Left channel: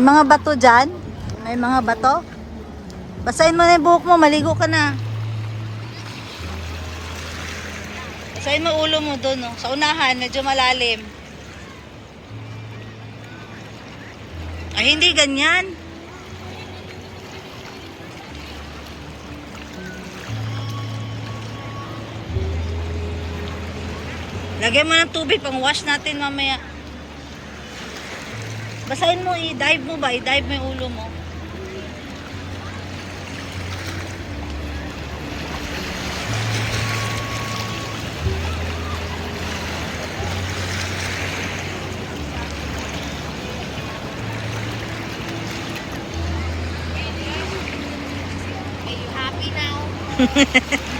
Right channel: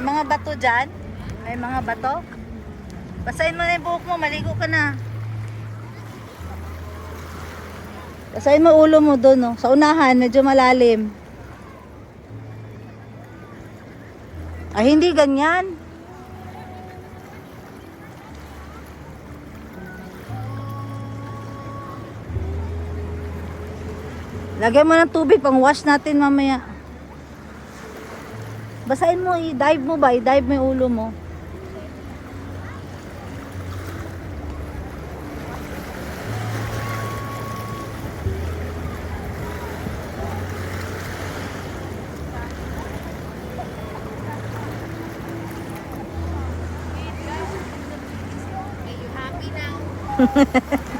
May mga bato dyan. May mga bato. Basahin mo na yung buhok mo. Maligo ka na. Basahin mo ulo mo doon. Oh. Sa unahan, medyo malalim. Ay, hindi ganyan. Lagyan mo ng tubig pang wash natin mamaya. Basahin mo, i-dive mo ba? I-dive mo yung ulo mo. Are you happy now?